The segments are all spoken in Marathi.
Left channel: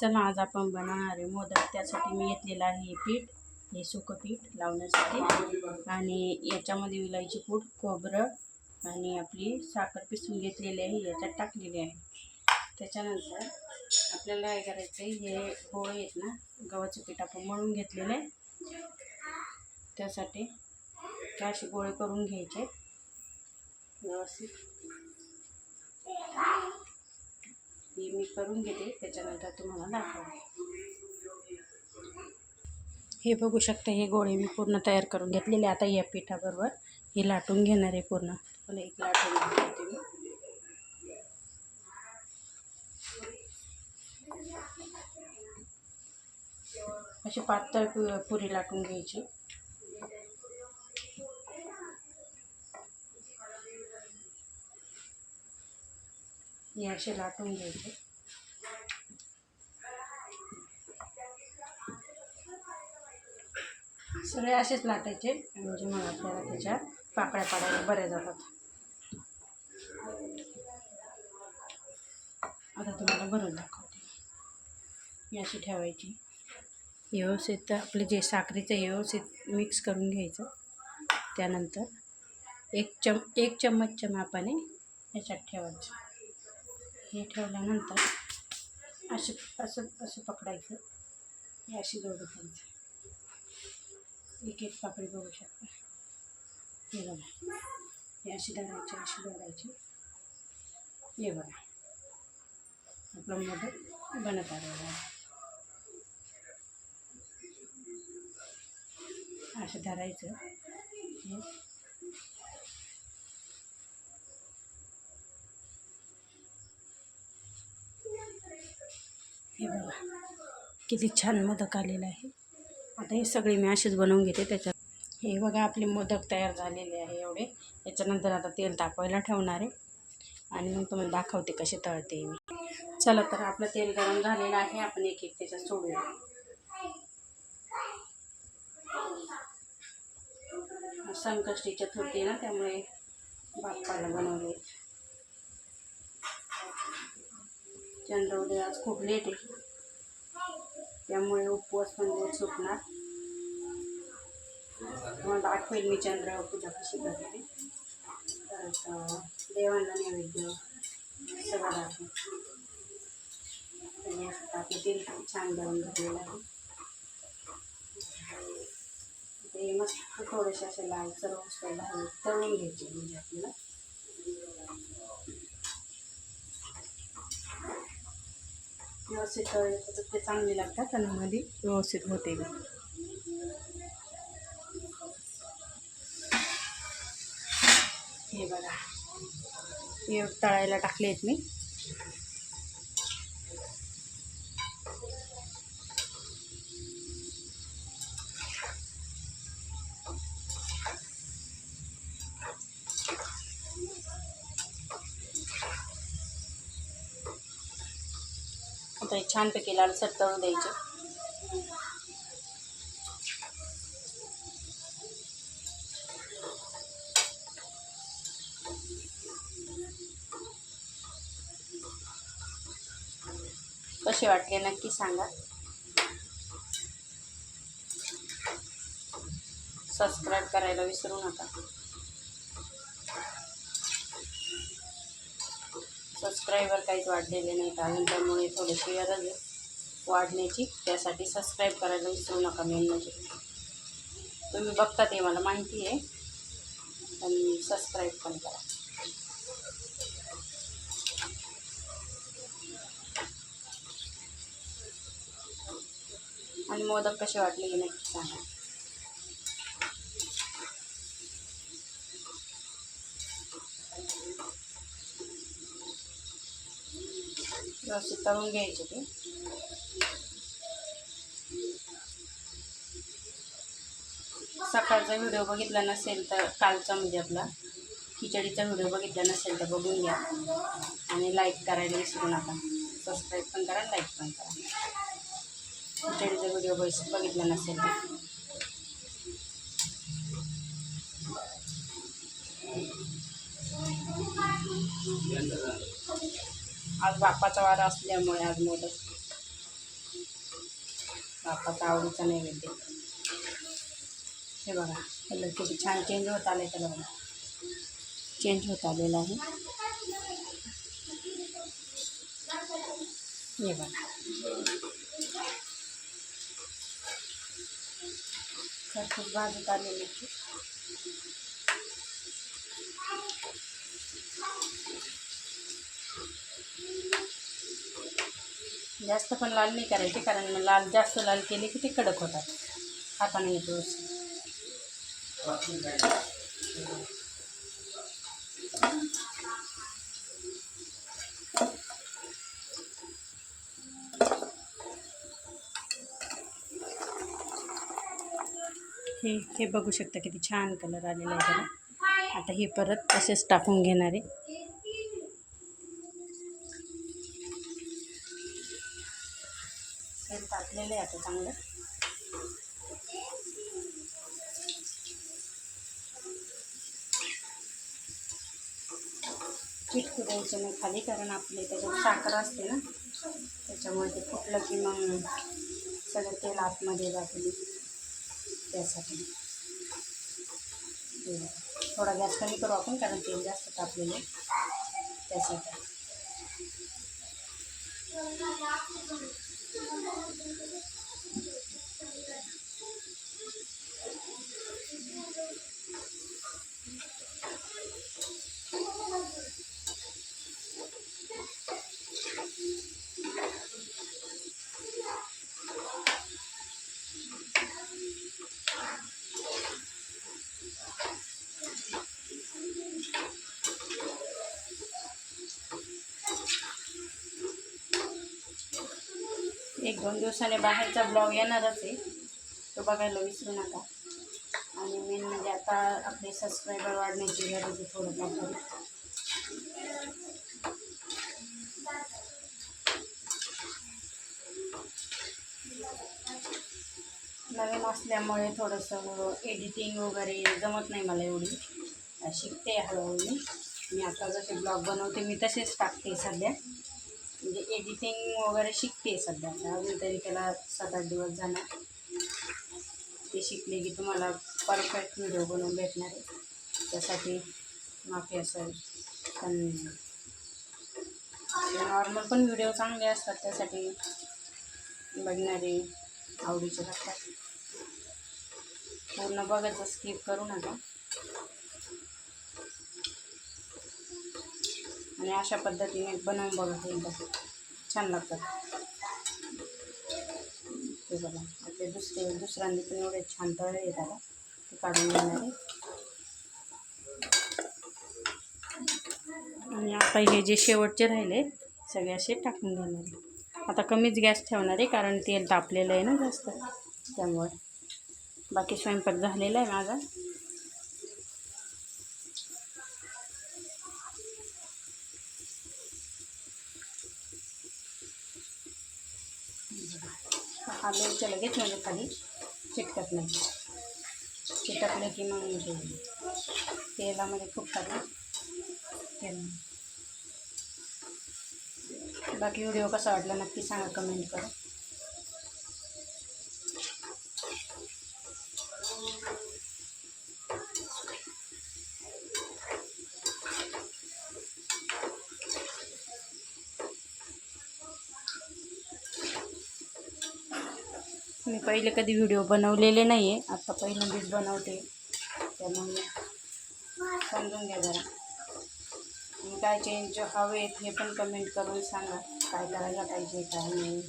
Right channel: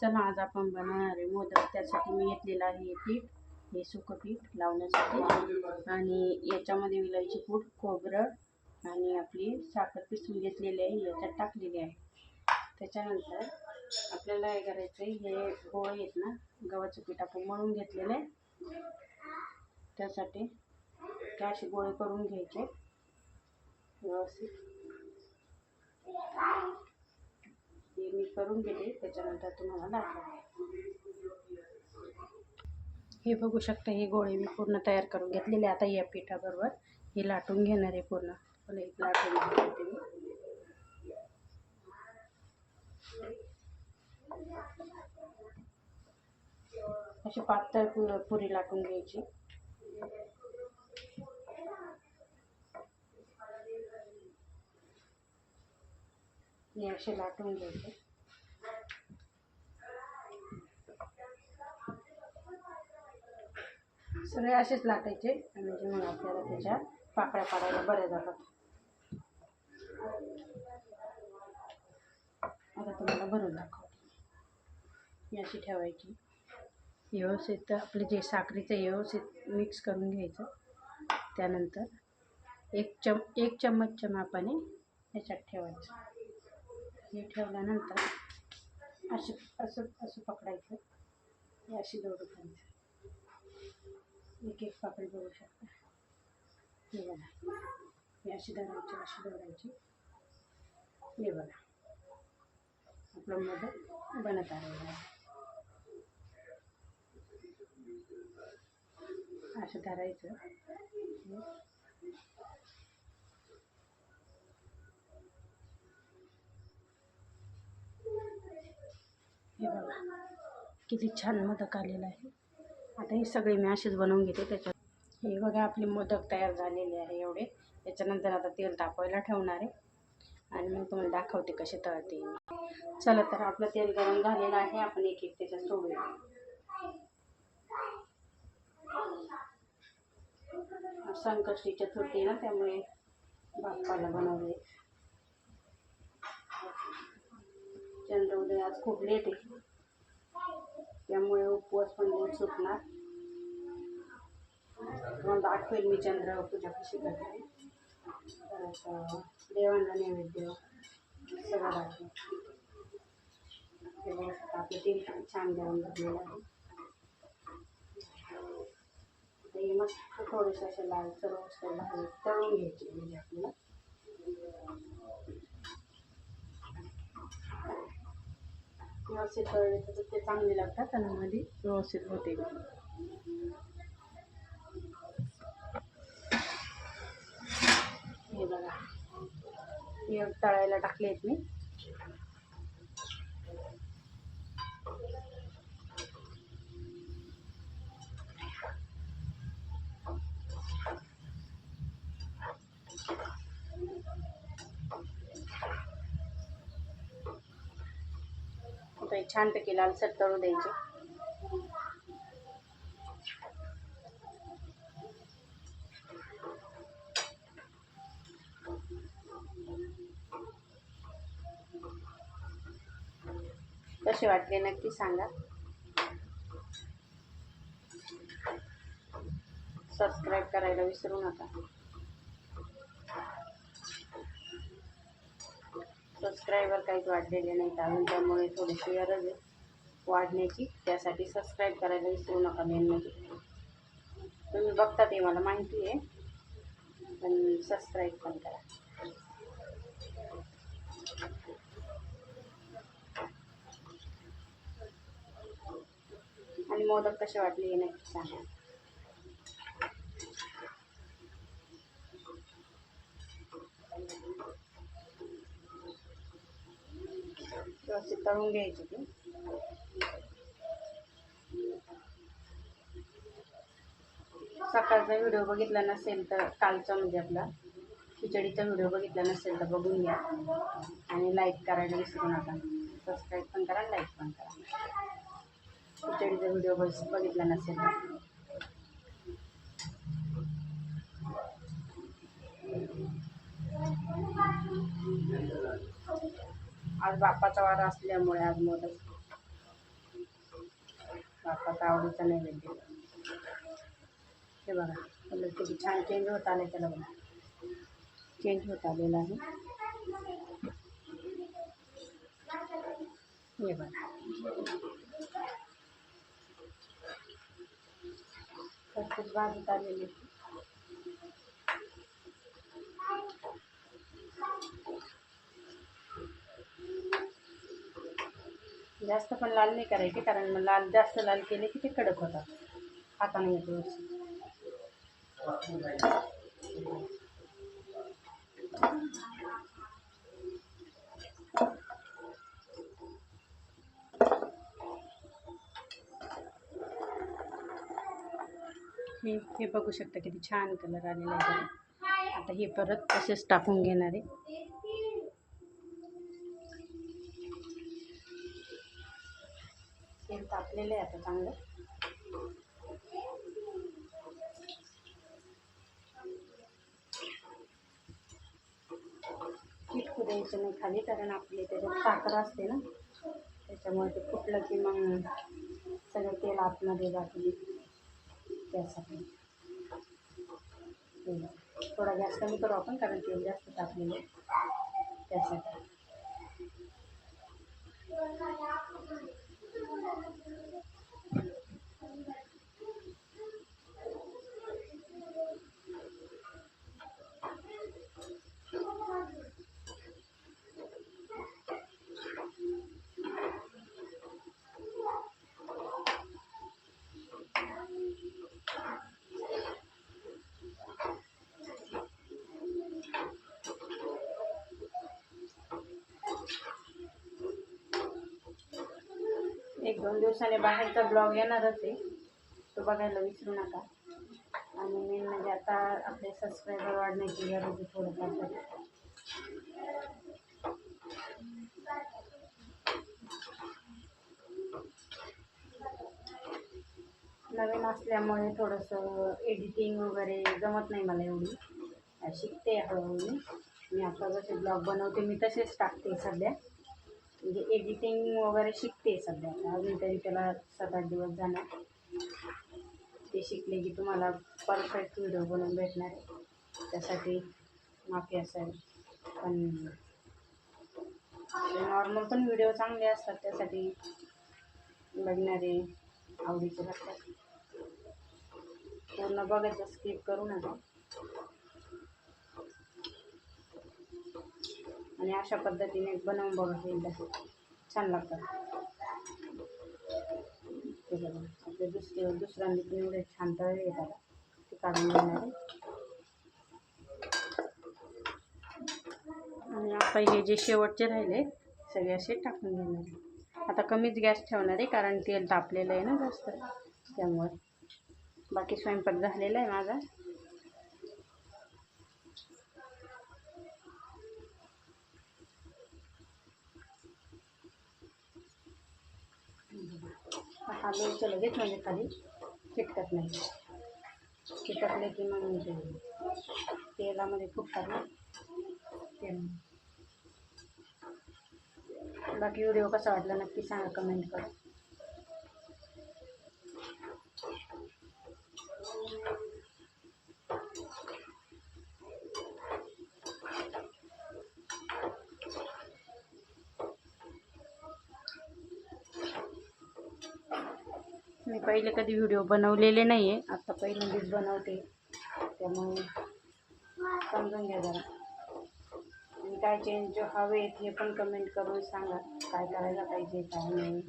चला आज आपण बनवणार आहे मोदक. त्यासाठी मी घेतलेलं आहे हे पीठ, हे सुकं पीठ लावण्यासाठी, आणि याच्यामध्ये विलायची पूड, खोबरं आणि आपली साखर पिसून घेतलेली आहे, याच्यात टाकलेली आहे. त्याच्यानंतर आपल्याला काय करायचं आहे, हे गोळे आहेत ना, गव्हाचं पीठ आपण मळून घेतलेलं आहे. त्यासाठी असे गोळे करून घ्यायचे व्यवस्थित. हे मी करून घेते, त्याच्यानंतर तुम्हाला दाखवते. हे बघू शकता, हे गोळे मी पूर्ण तयार करून घेतलेले. आता या पिठाबरोबर हे लाटून घेणार आहे पूर्ण. पण एक लाटून घेते मी. अशी पातळ पुरी लाटून घ्यायची. हे असे लाटून घ्यायचे. सगळे असेच लाटायचे, म्हणजे मग आपल्याला त्याच्या पाकळ्या काढायला बऱ्या जातात. आता तुम्हाला भरून दाखवते. ही अशी ठेवायची व्यवस्थित. आपले जे साखरेचं व्यवस्थित मिक्स करून घ्यायचं. त्यानंतर एक चम्मचच्या मापाने ह्याच्यात ठेवायचं. हे ठेवल्यानंतर असं पकडायचं. हे अशी जोडी करायचं. एक एक पाकळी बघू शकता. हे बघा, हे अशी धरायची, अशी धरायची. हे बघा, आपलं मोदक बनत आलेलं आहे. असं धरायचं. हे बघा किती छान मोदक आलेलं आहे. आता हे सगळे मी असेच बनवून घेते. त्याच्यात हे बघा आपले मोदक तयार झालेले आहे एवढे. याच्यानंतर आता तेल तापवायला ठेवणार आहे आणि मग तुम्हाला दाखवते कसे तळते मी. चला तर आपलं तेल गरम झालेलं आहे. आपण एक एक त्याच्यात सोडूया. संकष्टी चतुर्थी ना, त्यामुळे बाप्पाला बनवले. चंद्रोदय आज खूप लेट आहे, त्यामुळे उपवास पण लेट सुटणार. मग दाखवेल मी चंद्र पूजा कशी करते. परत देवांना नैवेद्य सगळं दाखवेल. आपलं तेल खूप छान गरम झालेलं आहे. ते मस्त थोडेसे असे लाल सर्व तळून घ्यायचे, म्हणजे आपल्याला व्यवस्थित तळले तर ते चांगले लागतात आणि मध्ये व्यवस्थित होते. हे बघा, हे तळायला टाकले आहेत मी. आता हे छानपैकी लालसर तळू द्यायचे. कसे वाटले नक्की सांगा. सबस्क्राईब करायला विसरू नका. सबस्क्रायबर काहीच वाढलेले नाहीत अजून, त्यामुळे थोडीशी गरज आहे वाढण्याची. त्यासाठी सबस्क्राईब करायला विसरू नका. मेन म्हणजे तुम्ही बघता ते मला माहिती आहे, पण सबस्क्राईब पण करा. आणि मोदक कसे वाटले हे नक्की सांगा. व्यवस्थित तळून घ्यायचे ते. सकाळचा व्हिडिओ बघितला नसेल तर, कालचा म्हणजे आपला खिचडीचा व्हिडिओ बघितला नसेल तर बघून घ्या. आणि लाईक करायला विसरू नका. सबस्क्राईब पण करा, लाईक पण करा. खिचडीचा व्हिडिओ बघितला नसेल तर. आज बाप्पाचा वार असल्यामुळे आज मोदक बाप्पाचा आवडीचा नैवेद्य. हे बघा कलर किती छान चेंज होत आला आहे, त्याला बघा चेंज होत आलेला आहे. हे बघा खरपूस भाजत आलेली. जास्त पण लाल नाही करायचे, कारण लाल जास्त लाल केले की ते कडक होतात, हाताने येतो. हे बघू शकता किती छान कलर आलेला आहे त्याला. आता हे परत तसेच टाकून घेणार आहे. तेल टाकलेलं आहे आता चांगलं. चिटकू द्यायचं नाही खाली, कारण आपले त्याच्यात साखर असते ना, त्याच्यामुळे ते फुटलं की मग सगळं तेल आतमध्ये जाते, त्यासाठी. थोडा गॅस कमी करू आपण, कारण तेल जास्त टाकलेलं आहे त्यासाठी. एक 2 दिवसाने बाहेरचा ब्लॉग येणारच आहे, तो बघायला विसरू नका. आणि मेन म्हणजे आता आपले सबस्क्रायबर वाढण्याची गरज आहे थोडंफार तरी. नवीन असल्यामुळे थोडंसं एडिटिंग वगैरे जमत नाही मला एवढी, शिकते हळूहळू. मी आता जसे ब्लॉग बनवते मी तसेच टाकते सध्या, म्हणजे एडिटिंग वगैरे शिकते सध्या. अजून तरी त्याला 7-8 दिवस जाणार. ते शिकले की तुम्हाला परफेक्ट व्हिडिओ बनवून भेटणार आहे. त्यासाठी माफी असेल, पण नॉर्मल पण व्हिडिओ चांगले असतात, त्यासाठी बघणारे आवडीचे लागतात. पूर्ण बघायचं, स्किप करू नका. आणि अशा पद्धतीने बनवून बघा, एकदा छान लागतात. ते बघा आपले दुसऱ्यांनी पण एवढे छान तळे येतात, ते काढून घेणार आहे. आणि आता हे जे शेवटचे राहिले सगळे असे टाकून घेणार आहे. आता कमीच गॅस ठेवणार आहे, कारण तेल तापलेलं आहे ना जास्त, त्यामुळे. बाकी स्वयंपाक झालेला आहे माझा. हा लोणचं लगेच म्हणजे खाली चिटकत नाही, चिटकले की मग तेलामध्ये फुटतात तेल. बाकी व्हिडिओ कसा वाटला नक्की सांगा कमेंट करा. मी पहिले कधी व्हिडिओ बनवलेले नाही आहे, आता पहिल्यांदाच बनवते, त्यामुळे समजून घ्या जरा. आणि काय चेंज हवेत हे पण कमेंट करून सांगा, काय करायला पाहिजे काय नाही.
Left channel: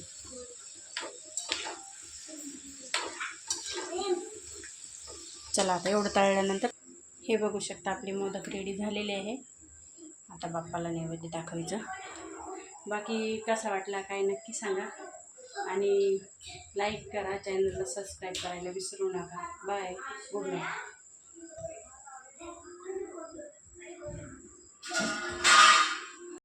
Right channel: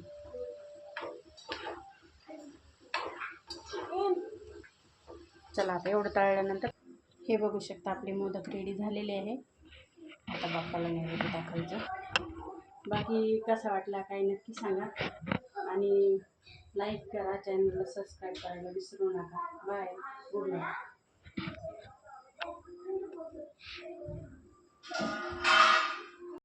चला आता एवढं तळल्यानंतर हे बघू शकता आपले मोदक रेडी झालेले आहे. आता बाप्पाला नैवेद्य दाखवायचं. बाकी कसा वाटला काय नक्की सांगा, आणि लाईक करा, चॅनलला सबस्क्राईब करायला विसरू नका. Bye, good night.